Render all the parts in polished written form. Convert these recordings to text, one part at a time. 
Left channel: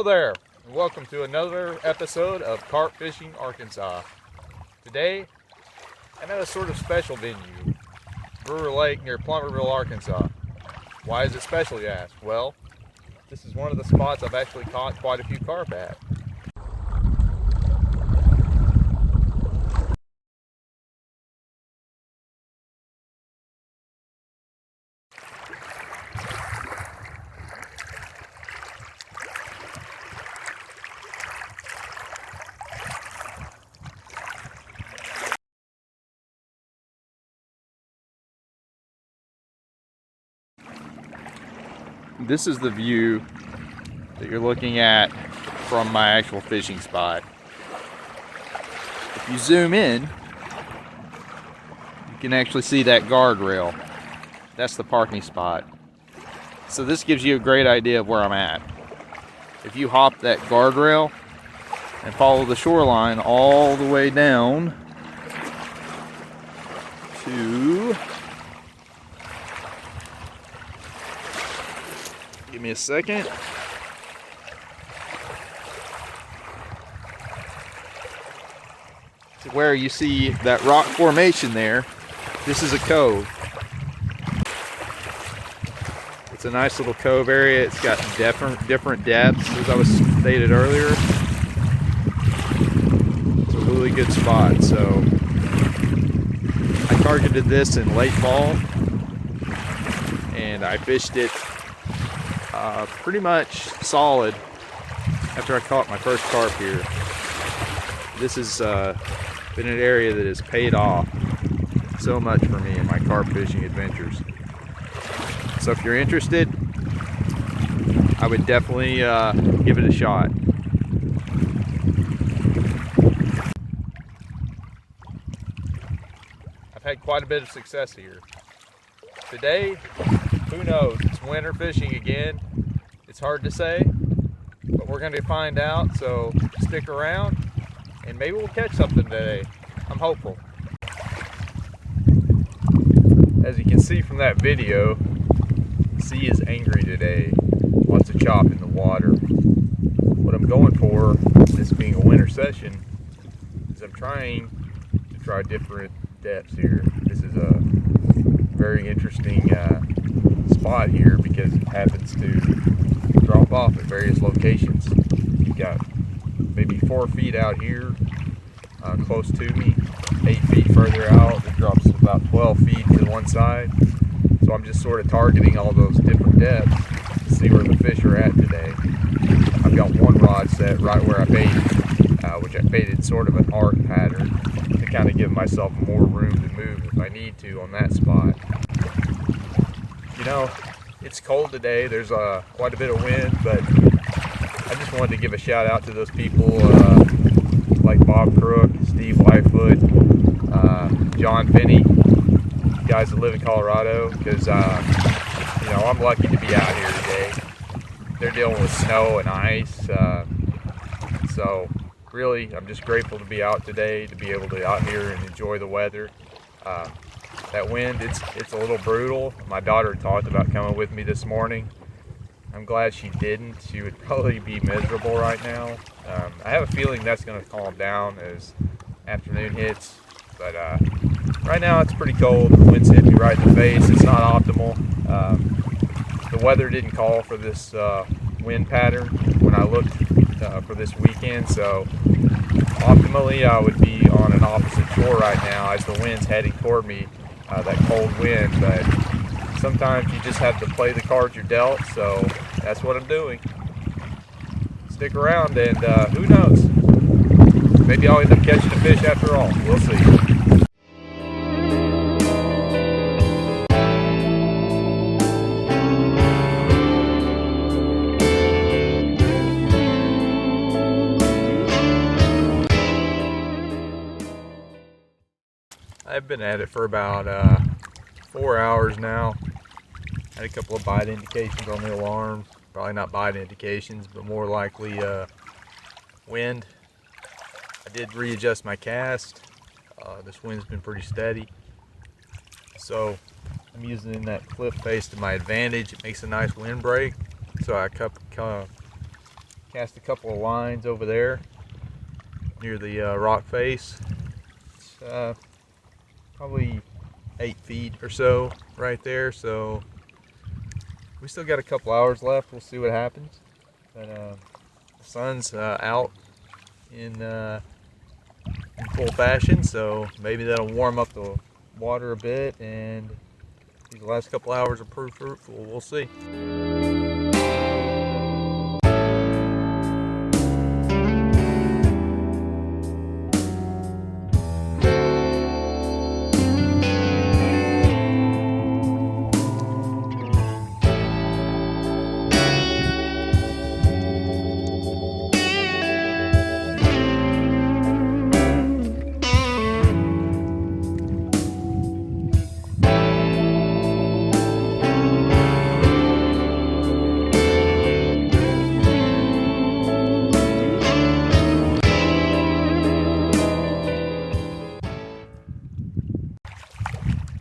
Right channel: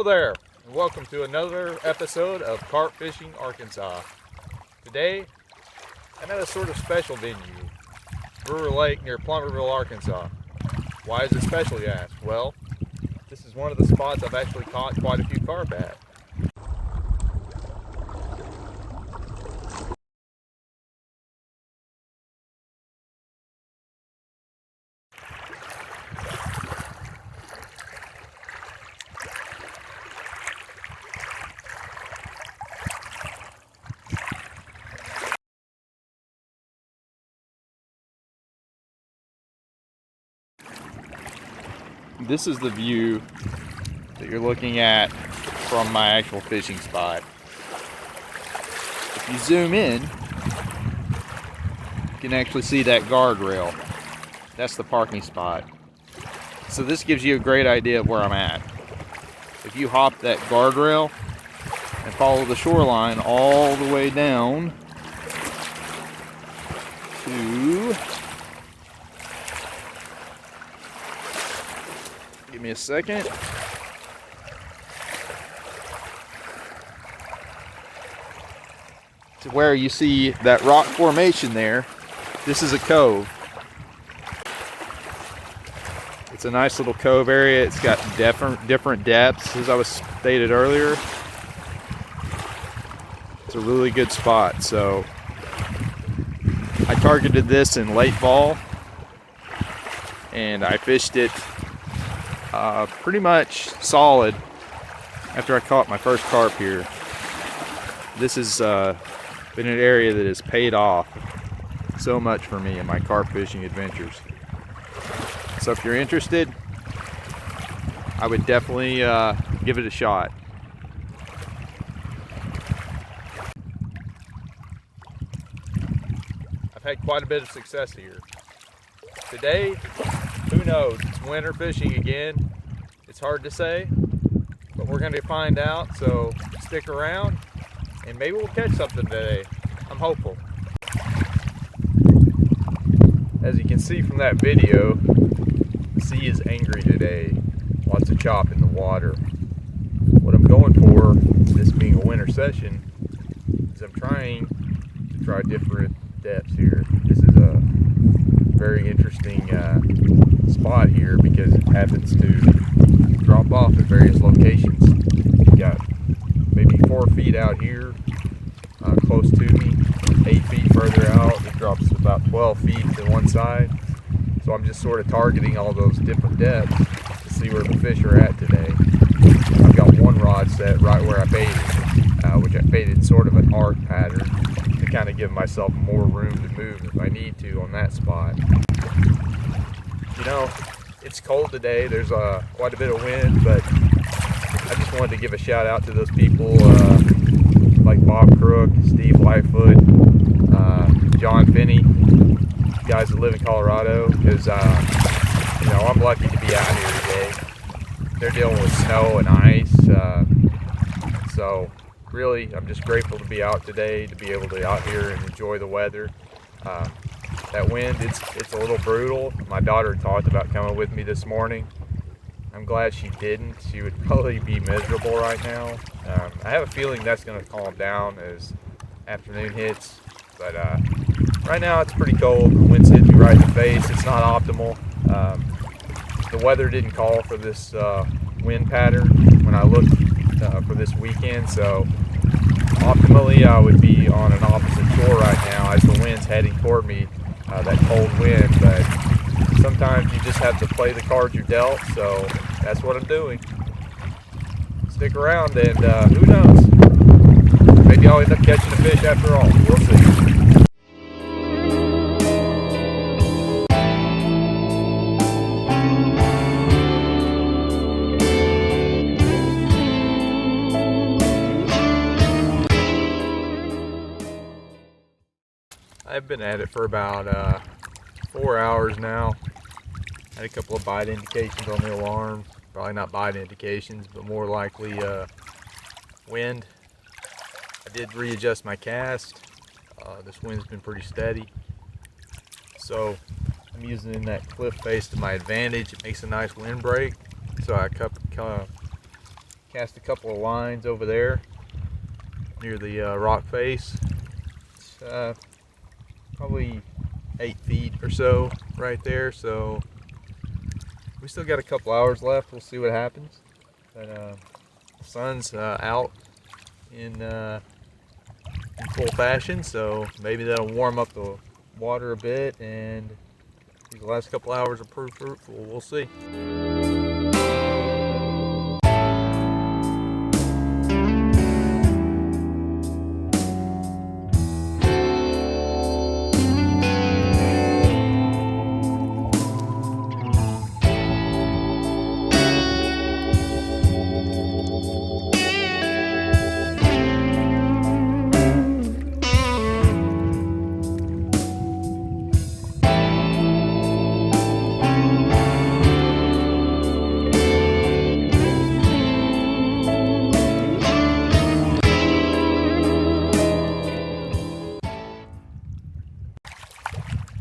Hello there, and welcome to another episode of Carp Fishing Arkansas. Today, I'm at a sort of special venue, Brewer Lake near Plummerville, Arkansas. Why is it special, you ask? Well, this is one of the spots I've actually caught quite a few carp at. This is the view that you're looking at from my actual fishing spot. If you zoom in, you can actually see that guardrail. That's the parking spot. So this gives you a great idea of where I'm at. If you hop that guardrail and follow the shoreline all the way down to... Give me a second. To where you see that rock formation there, this is a cove. It's a nice little cove area. It's got different depths, as I was stated earlier. It's a really good spot. So I targeted this in late fall, and I fished it pretty much solid after I caught my first carp here. This has been an area that has paid off so much for me in my carp fishing adventures. So if you're interested, I would definitely give it a shot. I've had quite a bit of success here. Today, who knows? It's winter fishing again. It's hard to say, but we're going to find out, so stick around and maybe we'll catch something today. I'm hopeful. As you can see from that video, the sea is angry today. Lots of chop in the water. What I'm going for, this being a winter session, is I'm trying to try different depths here. This is a very interesting spot here because it happens to drop off at various locations. You've got maybe 4 feet out here close to me, 8 feet further out it drops about 12 feet to one side. So I'm just sort of targeting all those different depths to see where the fish are at today. I've got one rod set right where I baited, which I baited sort of an arc pattern to kind of give myself more room to move if I need to on that spot. You know, it's cold today, there's quite a bit of wind, but I just wanted to give a shout out to those people like Bob Crook, Steve Lightfoot, John Finney, guys that live in Colorado, because you know, I'm lucky to be out here today. They're dealing with snow and ice, so really I'm just grateful to be out today, to be able to out here and enjoy the weather. That wind, it's a little brutal. My daughter talked about coming with me this morning. I'm glad she didn't. She would probably be miserable right now. I have a feeling that's going to calm down as afternoon hits, but right now it's pretty cold. The wind's hitting me right in the face. It's not optimal. The weather didn't call for this wind pattern when I looked for this weekend, so optimally I would be on an opposite shore right now as the wind's heading toward me, that cold wind, but sometimes you just have to play the cards you're dealt, so that's what I'm doing. Stick around and who knows, maybe I'll end up catching a fish after all. We'll see. I've been at it for about 4 hours now. Had a couple of bite indications on the alarm. Probably not bite indications, but more likely wind. I did readjust my cast. This wind's been pretty steady. So I'm using that cliff face to my advantage. It makes a nice wind break. So I Cast a couple of lines over there near the rock face. It's probably 8 feet or so right there, so we still got a couple hours left. We'll see what happens. But the sun's out in full fashion, so maybe that'll warm up the water a bit, and these last couple hours are pretty fruitful. We'll see.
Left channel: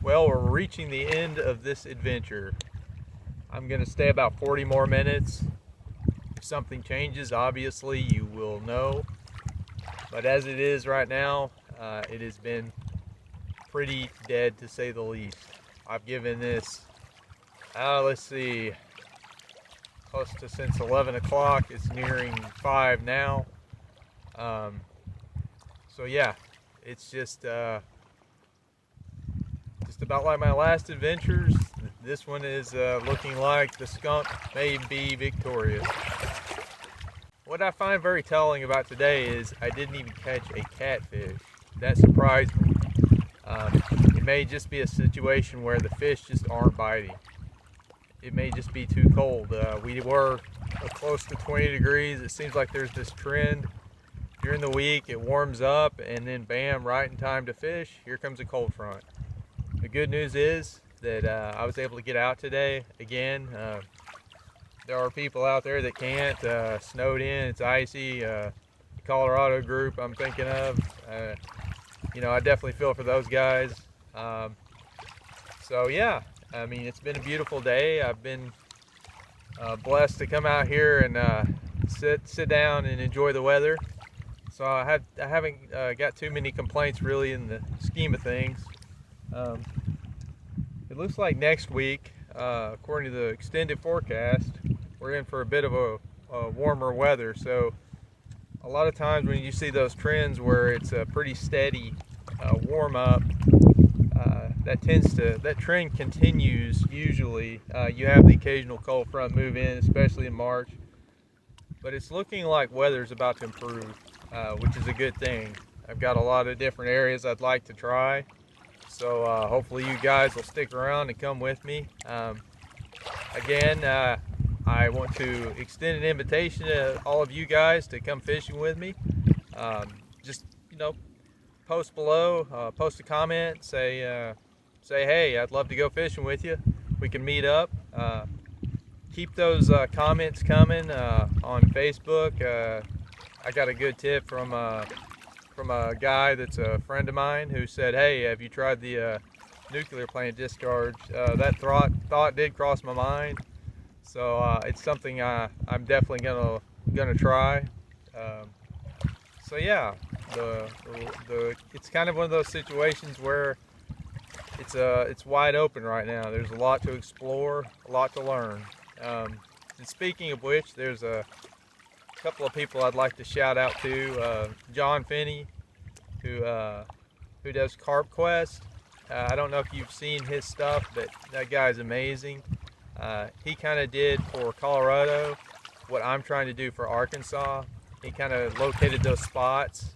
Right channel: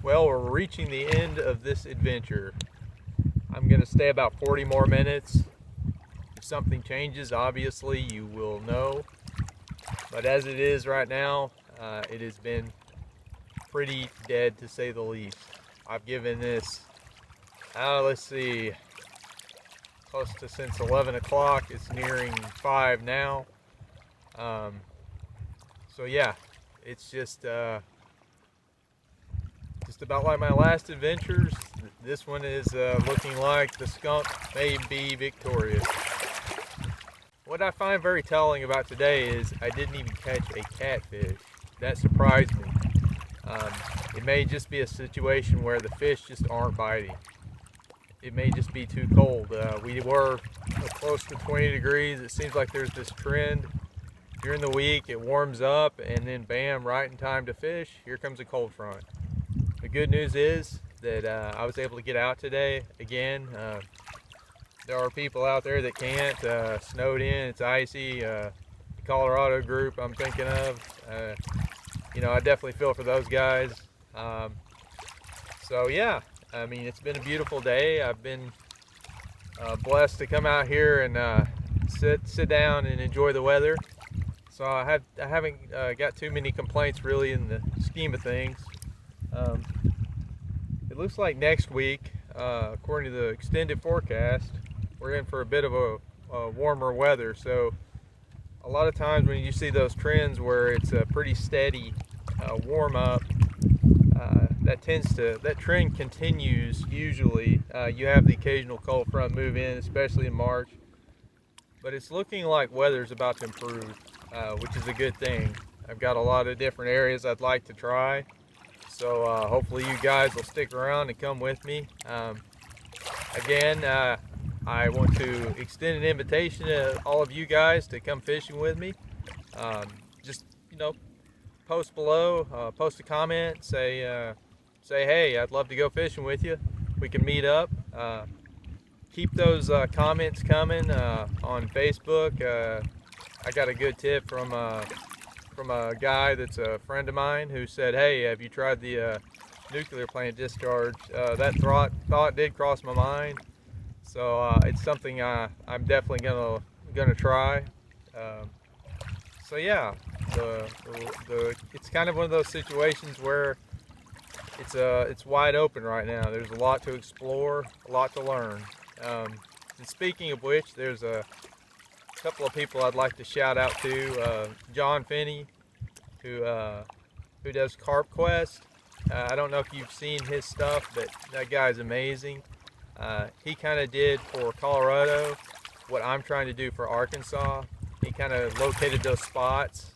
Well, we're reaching the end of this adventure. I'm going to stay about 40 more minutes. If something changes, obviously you will know. But as it is right now, it has been pretty dead to say the least. I've given this, let's see, close to since 11 o'clock. It's nearing 5 now. So yeah, it's just about like my last adventures. This one is looking like the skunk may be victorious. What I find very telling about today is I didn't even catch a catfish. That surprised me. It may just be a situation where the fish just aren't biting. It may just be too cold. We were close to 20 degrees. It seems like there's this trend. During the week it warms up, and then bam, right in time to fish, here comes a cold front. The good news is that I was able to get out today again. There are people out there that can't. Snowed in, it's icy. The Colorado group I'm thinking of, you know, I definitely feel for those guys. So yeah, I mean, it's been a beautiful day. I've been blessed to come out here and sit down and enjoy the weather. So I haven't got too many complaints really in the scheme of things. It looks like next week, according to the extended forecast, we're in for a bit of a warmer weather. So a lot of times when you see those trends where it's a pretty steady warm up, that trend continues usually. You have the occasional cold front move in, especially in March, but it's looking like weather's about to improve, which is a good thing. I've got a lot of different areas I'd like to try. So hopefully you guys will stick around and come with me. Again, I want to extend an invitation to all of you guys to come fishing with me. Just, you know, post below, post a comment, say hey, I'd love to go fishing with you. We can meet up. Keep those comments coming on Facebook. I got a good tip from a guy that's a friend of mine who said, hey, have you tried the nuclear plant discharge? That thought did cross my mind, so it's something I'm definitely gonna try. So yeah, it's kind of one of those situations where it's wide open right now. There's a lot to explore, a lot to learn. And speaking of which, there's a couple of people I'd like to shout out to. John Finney, who does Carp Quest. I don't know if you've seen his stuff, but that guy's amazing. He kind of did for Colorado what I'm trying to do for Arkansas. He kind of located those spots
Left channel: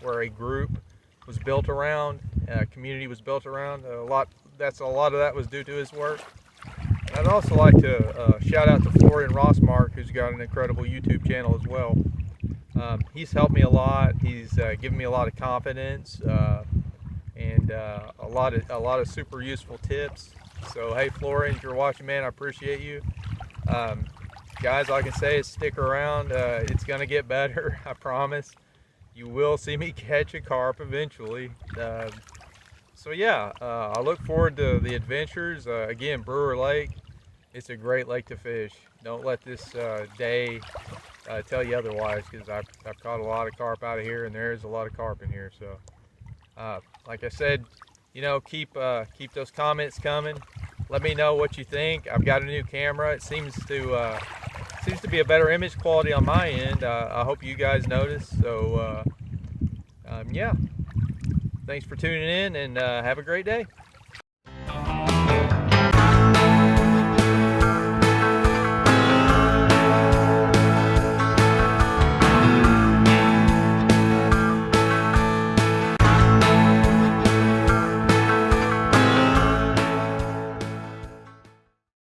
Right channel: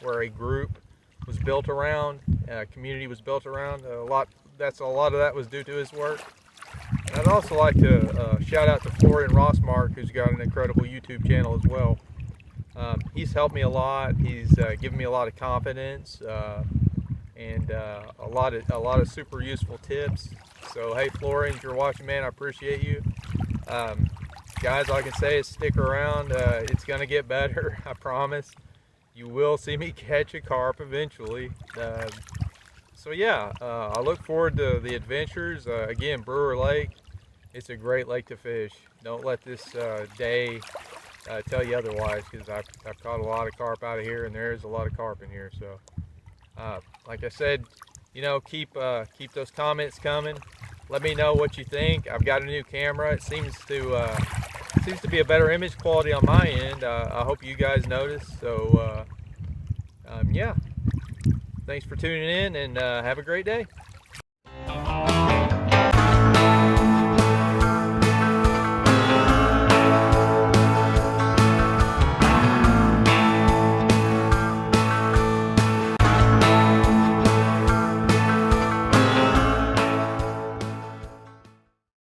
where a group was built around, a community was built around. A lot of that was due to his work. And I'd also like to shout out to Florian Rossmark, who's got an incredible YouTube channel as well. He's helped me a lot. He's given me a lot of confidence and a lot of super useful tips. So hey, Florian, if you're watching, man, I appreciate you. Guys, all I can say is stick around. It's gonna get better. I promise. You will see me catch a carp eventually. So yeah, I look forward to the adventures. Again, Brewer Lake, it's a great lake to fish. Don't let this day tell you otherwise, because I've caught a lot of carp out of here, and there is a lot of carp in here. So, like I said, keep those comments coming. Let me know what you think. I've got a new camera. It seems to be a better image quality on my end. I hope you guys notice. So, yeah. Thanks for tuning in, and have a great day.